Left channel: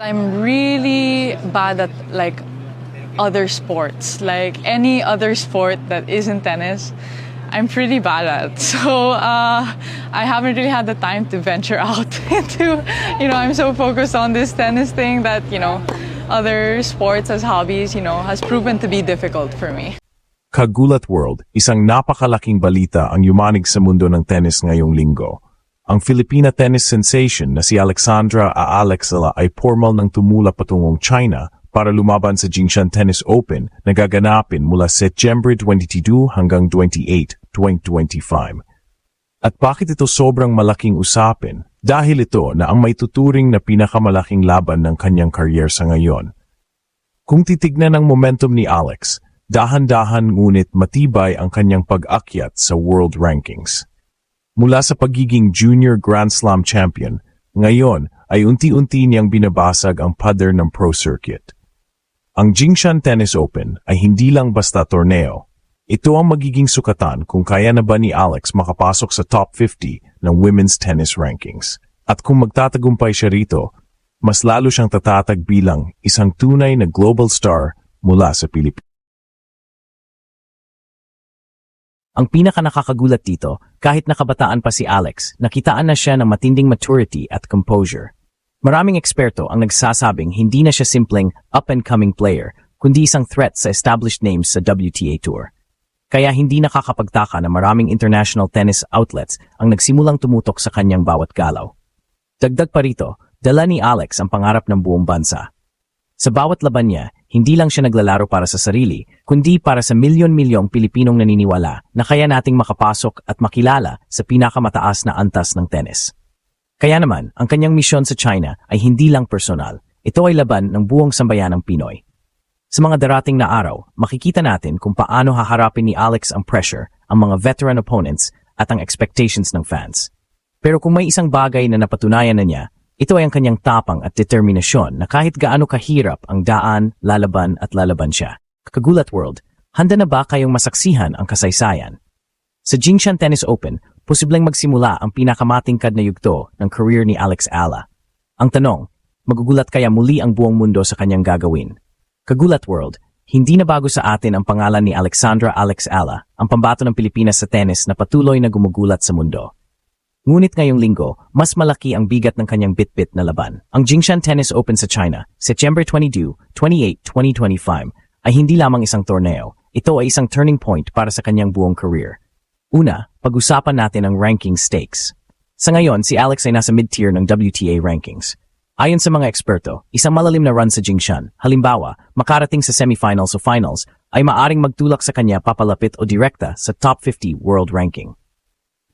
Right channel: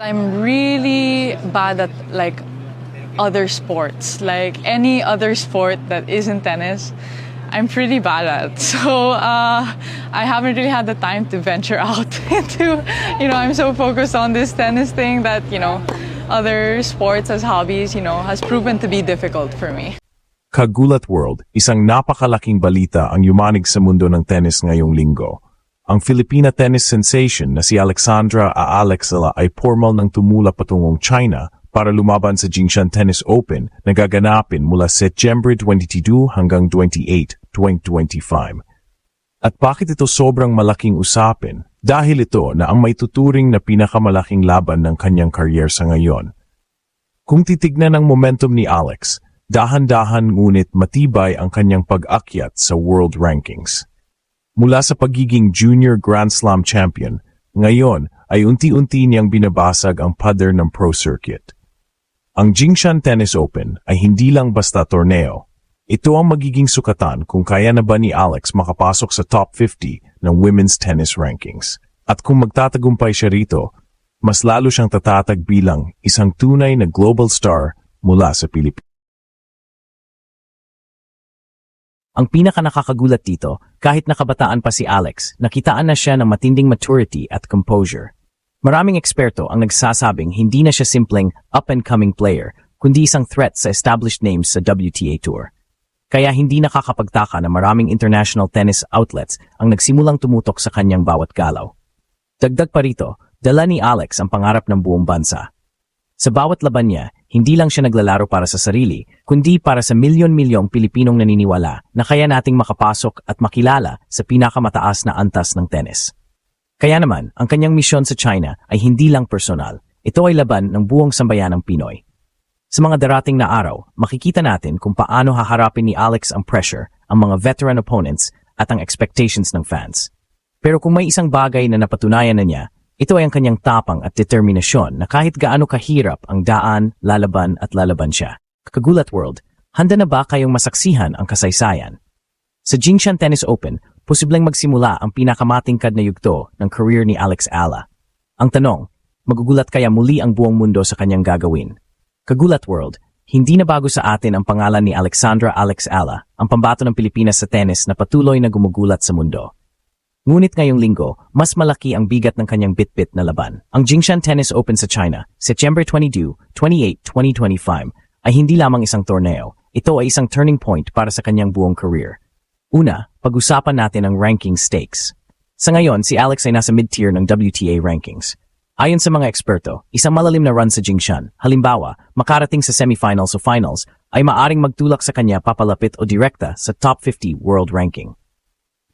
I'm really bad at like other sports, like any other sport that isn't tennis. I'm pretty bad at. So I haven't really had the time to venture out into, I'm so focused on this tennis thing that, other sports as hobbies, has proven to be difficult for me. Kagulat World, isang napakalaking balita ang yumanig sa mundo ng tennis ngayong linggo. Ang Filipina tennis sensation na si Alexandra Aalexala ay formal ng tumula patungong China para lumaban sa Jingshan Tennis Open na gaganapin mula September 22 hanggang 28, 2025. At bakit ito sobrang malaking usapin? Dahil ito na ang may tuturing na pinakamalaking laban ng kanyang career sa ngayon. Kung titignan ang momentum ni Alex, dahan-dahan ngunit matibay ang kanyang pag-akyat sa world rankings. Mula sa pagiging junior Grand Slam champion, ngayon ay unti-unti niyang binabasag ang pader ng pro circuit. Ang Jingshan Tennis Open ay hindi lang basta torneo. Ito ang magiging sukatan kung kaya na ba ni Alex makapasok sa top 50 ng women's tennis rankings. At kung magtatagumpay siya rito, mas lalo siyang tatatag bilang isang tunay na global star mula sa Pilipinas. Ang pinaka-nakakagulat dito, kahit nakabataan pa si Alex, nakitaan na siya ng matinding maturity at composure. Maraming eksperto ang nagsasabing hindi na siya simpleng up-and-coming player, kundi isang threat sa established names sa WTA Tour. Kaya hindi nakakapagtaka na maraming international tennis outlets ang nagsimulang tumutok sa kanyang bawat galaw. Dagdag pa rito, dala ni Alex ang pangarap ng buong bansa. Sa bawat laban niya, hindi lang siya naglalaro para sa sarili, kundi para sa milyon-milyong Pilipinong naniniwala na kaya nating makapasok at makilala sa pinakamataas na antas ng tennis. Kaya naman, ang kanyang misyon sa China ay hindi lang personal, ito ay laban ng buong sambayanang Pinoy. Sa mga darating na araw, makikita natin kung paano haharapin ni Alex ang pressure, ang mga veteran opponents at ang expectations ng fans. Pero kung may isang bagay na napatunayan na niya, ito ay ang kanyang tapang at determinasyon na kahit gaano kahirap ang daan, lalaban at lalaban siya. Kagulat World, handa na ba kayong masaksihan ang kasaysayan? Sa Jingshan Tennis Open, posibleng magsimula ang pinakamatingkad na yugto ng career ni Alex Ala. Ang tanong, magugulat kaya muli ang buong mundo sa kanyang gagawin? Kagulat World, hindi na bago sa atin ang pangalan ni Alexandra Alex Ala, ang pambato ng Pilipinas sa tennis na patuloy na gumugulat sa mundo. Ngunit ngayong linggo, mas malaki ang bigat ng kanyang bitbit na laban. Ang Jingshan Tennis Open sa China, September 22, 28, 2025, ay hindi lamang isang torneo. Ito ay isang turning point para sa kanyang buong career. Una, pag-usapan natin ang ranking stakes. Sa ngayon, si Alex ay nasa mid-tier ng WTA rankings. Ayon sa mga eksperto, isang malalim na run sa Jingshan, halimbawa, makarating sa semifinals o finals, ay maaring magtulak sa kanya papalapit o direkta sa top 50 world ranking.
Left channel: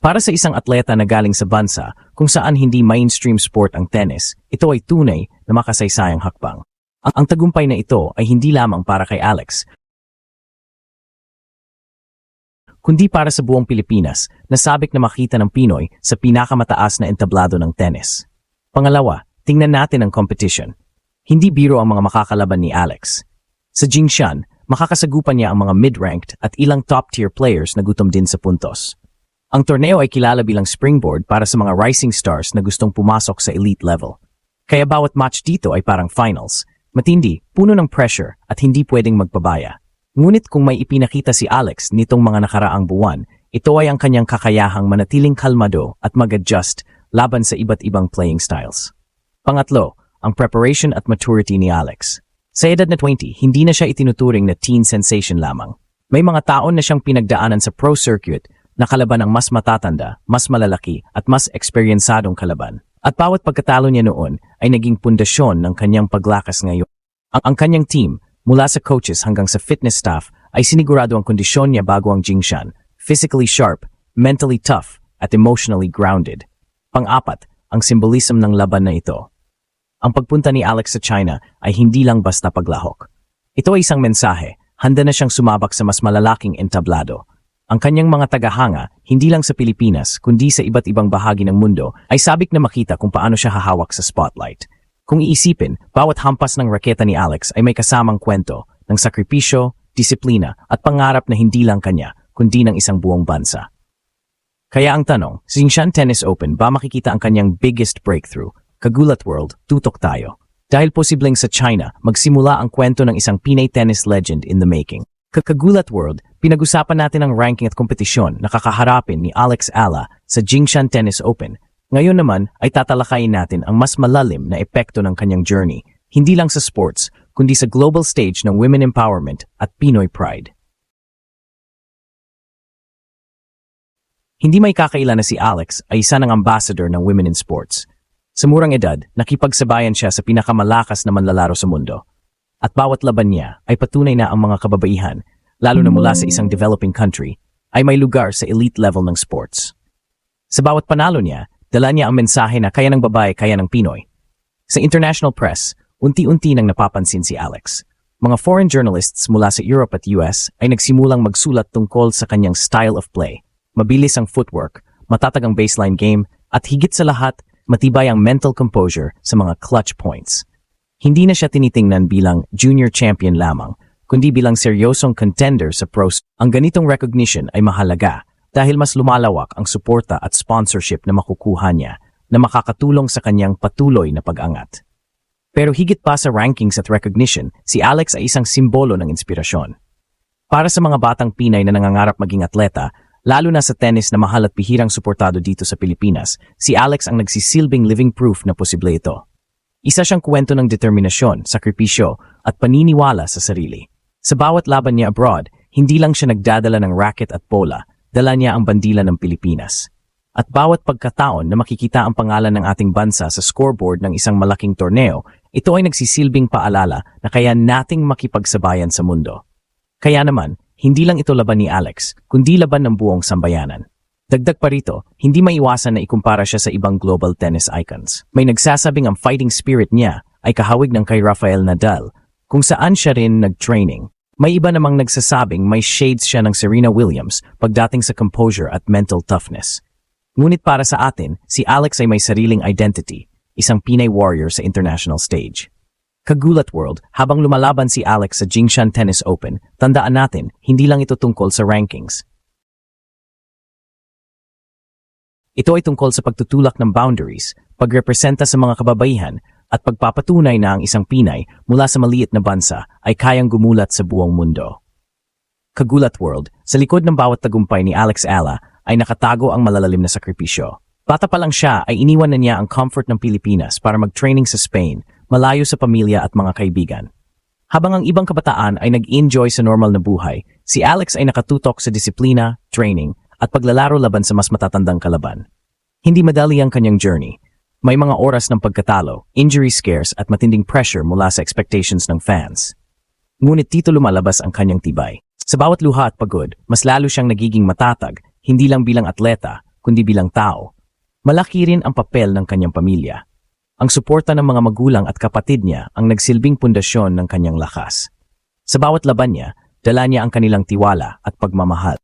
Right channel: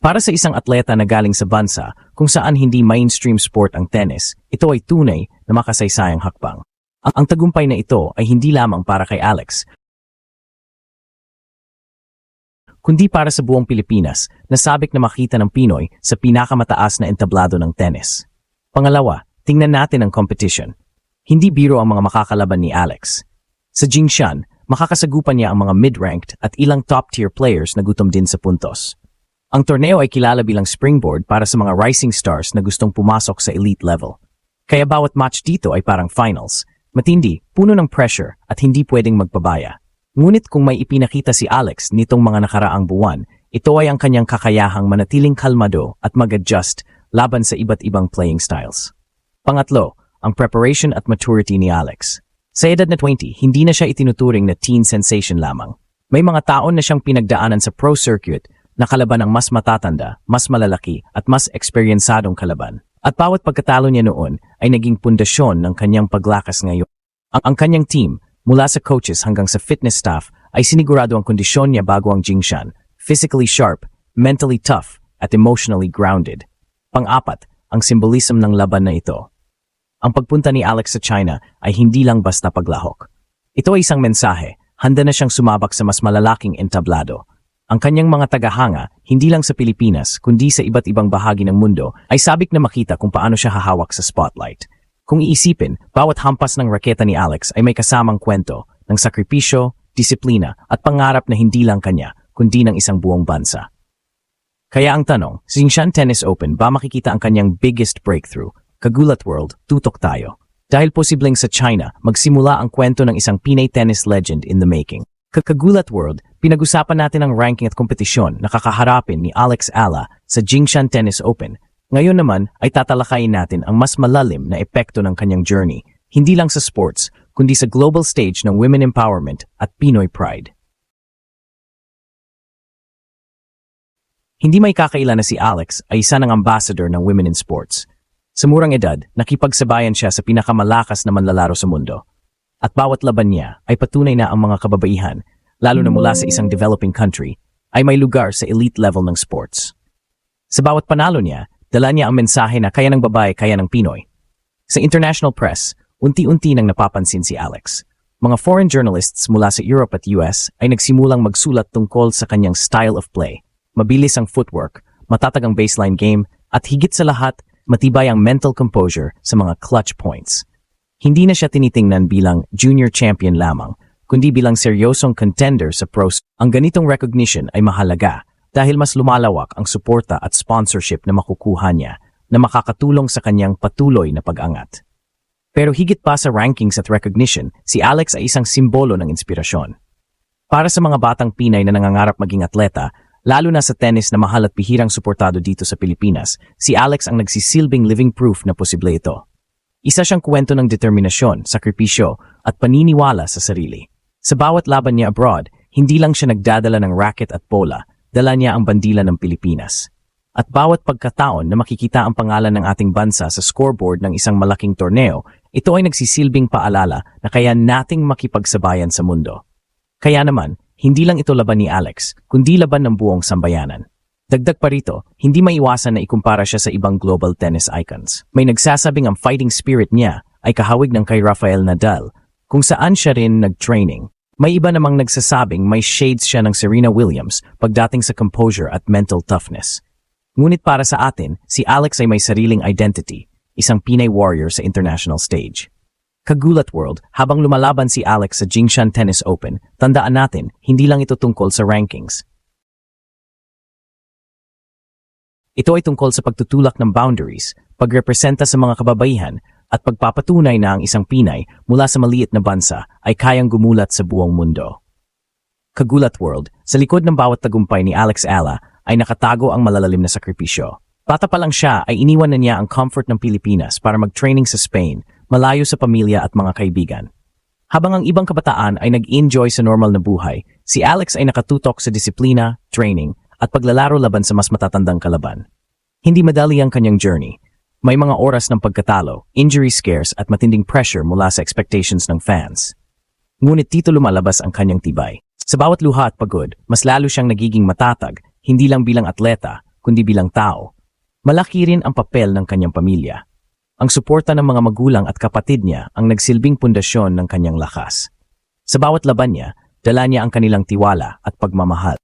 Para sa isang atleta na galing sa bansa kung saan hindi mainstream sport ang tennis, ito ay tunay na makasaysayang hakbang. Ang tagumpay na ito ay hindi lamang para kay Alex, kundi para sa buong Pilipinas na sabik na makita ng Pinoy sa pinakamataas na entablado ng tennis. Pangalawa, tingnan natin ang competition. Hindi biro ang mga makakalaban ni Alex. Sa Jingshan, makakasagupan niya ang mga mid-ranked at ilang top-tier players na gutom din sa puntos. Ang torneo ay kilala bilang springboard para sa mga rising stars na gustong pumasok sa elite level. Kaya bawat match dito ay parang finals. Matindi, puno ng pressure at hindi pwedeng magpabaya. Ngunit kung may ipinakita si Alex nitong mga nakaraang buwan, ito ay ang kanyang kakayahang manatiling kalmado at mag-adjust laban sa iba't ibang playing styles. Pangatlo, ang preparation at maturity ni Alex. Sa edad na 20, hindi na siya itinuturing na teen sensation lamang. May mga taon na siyang pinagdaanan sa pro circuit na kalaban ang mas matatanda, mas malalaki at mas eksperyensadong kalaban. At bawat pagkatalo niya noon ay naging pundasyon ng kanyang paglakas ngayon. Ang kanyang team, mula sa coaches hanggang sa fitness staff, ay sinigurado ang kondisyon niya bago ang Jingshan. Physically sharp, mentally tough, at emotionally grounded. Pang-apat, ang symbolism ng laban na ito. Ang pagpunta ni Alex sa China ay hindi lang basta paglahok. Ito ay isang mensahe, handa na siyang sumabak sa mas malalaking entablado. Ang kanyang mga tagahanga, hindi lang sa Pilipinas, kundi sa iba't ibang bahagi ng mundo, ay sabik na makita kung paano siya hahawak sa spotlight. Kung iisipin, bawat hampas ng raketa ni Alex ay may kasamang kwento ng sakripisyo, disiplina, at pangarap na hindi lang kanya, kundi ng isang buong bansa. Kaya ang tanong, sa Jingshan Tennis Open ba makikita ang kanyang biggest breakthrough? Kagulat World, tutok tayo. Dahil posibleng sa China, magsimula ang kwento ng isang Pinay tennis legend in the making. Kakagulat World, pinag-usapan natin ang ranking at kompetisyon na kakaharapin ni Alex Ala sa Jingshan Tennis Open. Ngayon naman ay tatalakayin natin ang mas malalim na epekto ng kanyang journey, hindi lang sa sports, kundi sa global stage ng women empowerment at Pinoy pride. Hindi may kakaila na si Alex ay isa ng ambassador ng women in sports. Sa murang edad, nakipagsabayan siya sa pinakamalakas na manlalaro sa mundo. At bawat laban niya ay patunay na ang mga kababaihan, lalo na mula sa isang developing country, ay may lugar sa elite level ng sports. Sa bawat panalo niya, dala niya ang mensahe na kaya ng babae, kaya ng Pinoy. Sa international press, unti-unti nang napapansin si Alex. Mga foreign journalists mula sa Europe at US ay nagsimulang magsulat tungkol sa kanyang style of play. Mabilis ang footwork, matatag ang baseline game, at higit sa lahat, matibay ang mental composure sa mga clutch points. Hindi na siya tinitingnan bilang junior champion lamang, kundi bilang seryosong contender sa pros. Ang ganitong recognition ay mahalaga dahil mas lumalawak ang suporta at sponsorship na makukuha niya na makakatulong sa kanyang patuloy na pag-angat. Pero higit pa sa rankings at recognition, si Alex ay isang simbolo ng inspirasyon. Para sa mga batang Pinay na nangangarap maging atleta, lalo na sa tennis na mahal at bihirang suportado dito sa Pilipinas, si Alex ang nagsisilbing living proof na posible ito. Isa siyang kwento ng determinasyon, sakripisyo, at paniniwala sa sarili. Sa bawat laban niya abroad, hindi lang siya nagdadala ng racket at bola, dala niya ang bandila ng Pilipinas. At bawat pagkataon na makikita ang pangalan ng ating bansa sa scoreboard ng isang malaking torneo, ito ay nagsisilbing paalala na kaya nating makipagsabayan sa mundo. Kaya naman, hindi lang ito laban ni Alex, kundi laban ng buong sambayanan. Dagdag pa rito, hindi maiwasan na ikumpara siya sa ibang global tennis icons. May nagsasabing ang fighting spirit niya ay kahawig ng kay Rafael Nadal, kung saan siya rin nag-training. May iba namang nagsasabing may shades siya ng Serena Williams pagdating sa composure at mental toughness. Ngunit para sa atin, si Alex ay may sariling identity, isang Pinay warrior sa international stage. Kagulat World, habang lumalaban si Alex sa Jingshan Tennis Open, tandaan natin, hindi lang ito tungkol sa rankings. Ito ay tungkol sa pagtutulak ng boundaries, pagrepresenta sa mga kababaihan, at pagpapatunay na ang isang Pinay mula sa maliit na bansa ay kayang gumulat sa buong mundo. Kagulat World, sa likod ng bawat tagumpay ni Alex Ala ay nakatago ang malalalim na sakripisyo. Bata pa lang siya ay iniwan na niya ang comfort ng Pilipinas para mag-training sa Spain, malayo sa pamilya at mga kaibigan. Habang ang ibang kabataan ay nag-enjoy sa normal na buhay, si Alex ay nakatutok sa disiplina, training, at paglalaro laban sa mas matatandang kalaban. Hindi madali ang kanyang journey. May mga oras ng pagkatalo, injury scares at matinding pressure mula sa expectations ng fans. Ngunit dito lumalabas ang kanyang tibay. Sa bawat luha at pagod, mas lalo siyang nagiging matatag, hindi lang bilang atleta, kundi bilang tao. Malaki rin ang papel ng kanyang pamilya. Ang suporta ng mga magulang at kapatid niya ang nagsilbing pundasyon ng kanyang lakas. Sa bawat laban niya, dala niya ang kanilang tiwala at pagmamahal.